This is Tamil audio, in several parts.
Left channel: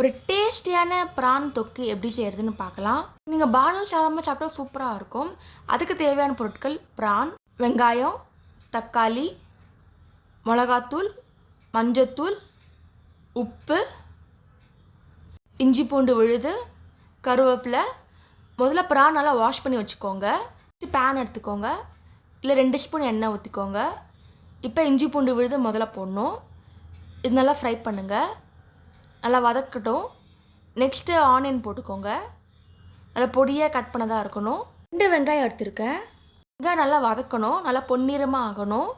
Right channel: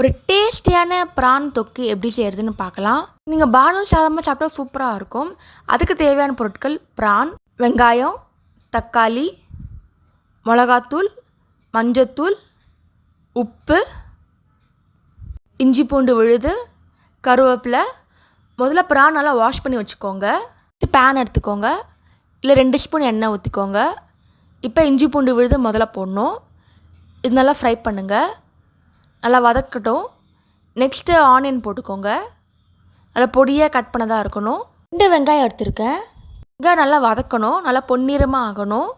ஒரு டேஸ்டியான ப்ரான் தொக்கு எப்படி செய்கிறதுன்னு பார்க்கலாம். நீங்கள் பானல் சாதமாக சாப்பிட்டா சூப்பராக இருக்கும். அதுக்கு தேவையான பொருட்கள் ப்ரான் வெங்காயம் தக்காளி மிளகாத்தூள் மஞ்சத்தூள் உப்பு இஞ்சி பூண்டு விழுது கருவேப்பிலை. முதல்ல பிரான் நல்லா வாஷ் பண்ணி வச்சுக்கோங்க. பேன் எடுத்துக்கோங்க. இல்லை ரெண்டு ஸ்பூன் எண்ணெய் ஊற்றிக்கோங்க இப்போ இஞ்சி பூண்டு விழுது முதல்ல போடணும். இது நல்லா ஃப்ரை பண்ணுங்கள் நல்லா வதக்கட்டும். நெக்ஸ்ட்டு ஆனியன் போட்டுக்கோங்க. நல்லா பொடியாக கட் பண்ணதாக இருக்கணும். ரெண்டு வெங்காயம் எடுத்திருக்கேன். வெங்காயம் நல்லா வதக்கணும். நல்லா பொன்னிறமாக ஆகணும்.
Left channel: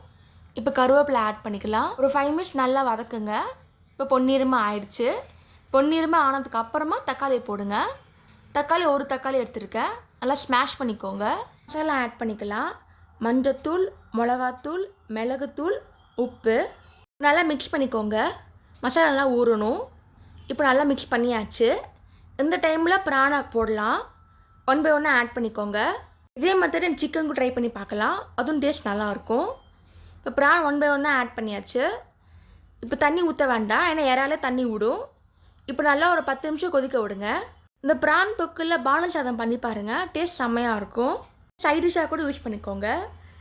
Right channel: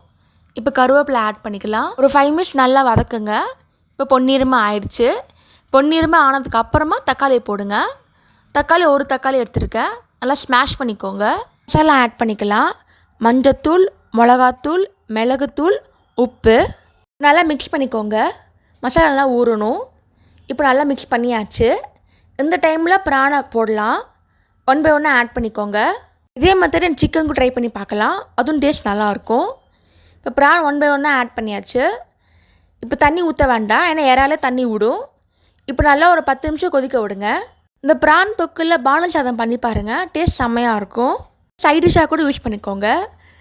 இப்போ கருவேப்பிலை ஆட் பண்ணிக்கலாம். ஒரு ஃபைவ் மினிட்ஸ் நல்லா வதக்குங்க. இப்போ பொன்னிறமாக ஆயிடுச்சு. பொன்னிறமாக ஆனதுக்கு அப்புறமா தக்காளியை போடுங்க. தக்காளி ஒரு தக்காளி எடுத்திருக்கேன். நல்லா ஸ்மாஷ் பண்ணிக்கோங்க. மசாலா ஆட் பண்ணிக்கலாம். மஞ்சத்தூள் மிளகாத்தூள் மிளகுத்தூள் உப்பு. நல்லா மிக்ஸ் பண்ணிக்கோங்க. மசாலா நல்லா ஊறணும். இப்போ நல்லா மிக்ஸ் பண்ணியாச்சு. இந்த டைமில் பிரானை போடலாம். ஒன் பை ஒன்னாக ஆட் பண்ணிக்கோங்க. இதே மாதிரி சிக்கனுக்கும் ட்ரை பண்ணி பார்க்கலாம். அதுவும் டேஸ்ட் நல்லாயிருக்கும். இப்போ ப்ரான் ஒன் பை ஒன்னாக ஆட் பண்ணியாச்சு. இப்போ தண்ணி ஊற்ற வேண்டாம். ஏன்னா இறாலே தண்ணி விடும் இப்போ நல்லா ஒரு பத்து நிமிஷம் கொதிக்க விடுங்க. இந்த ப்ரான் தொக்கில் பானல் சாதம் பண்ணி பாருங்கள் டேஸ்ட் செம்மையாக இருக்கும் சைட் டிஷ்ஷாக கூட யூஸ் பண்ணிக்கோங்க.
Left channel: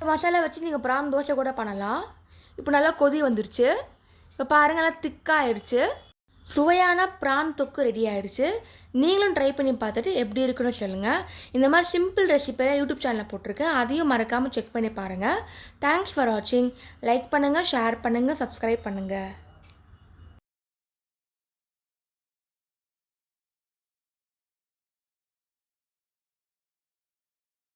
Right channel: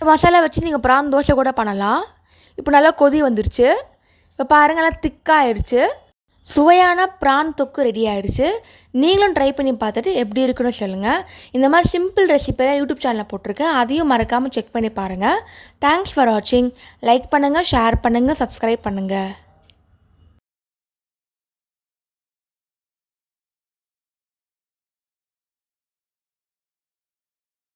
மசாலா வச்சு நீங்கள் ப்ரான் தோசை கூட பண்ணலாம். இப்போ நல்லா கொதி வந்துருச்சு. இப்போ பாருங்கள் நல்லா திக்காகிடுச்சு சுவையான ப்ரான் தொக்கு ரெடி ஆகிடுச்சு நீங்களும் ட்ரை பண்ணி பார்த்துட்டு எப்படி இருக்குன்னு சொல்லுங்கள் இந்த மாதிரி சிம்பிள் ரெசிபியெல்லாம் யூடியூப் சேனலில் போட்டிருக்கேன். அதையும் மறக்காமல் செக் பண்ணி பாருங்கள் தேங்க்ஸ் ஃபார் வாட்சிங் லைக் பண்ணுங்கள் ஷேர் பண்ணுங்கள் சப்ஸ்கிரைப் பண்ணுங்கள்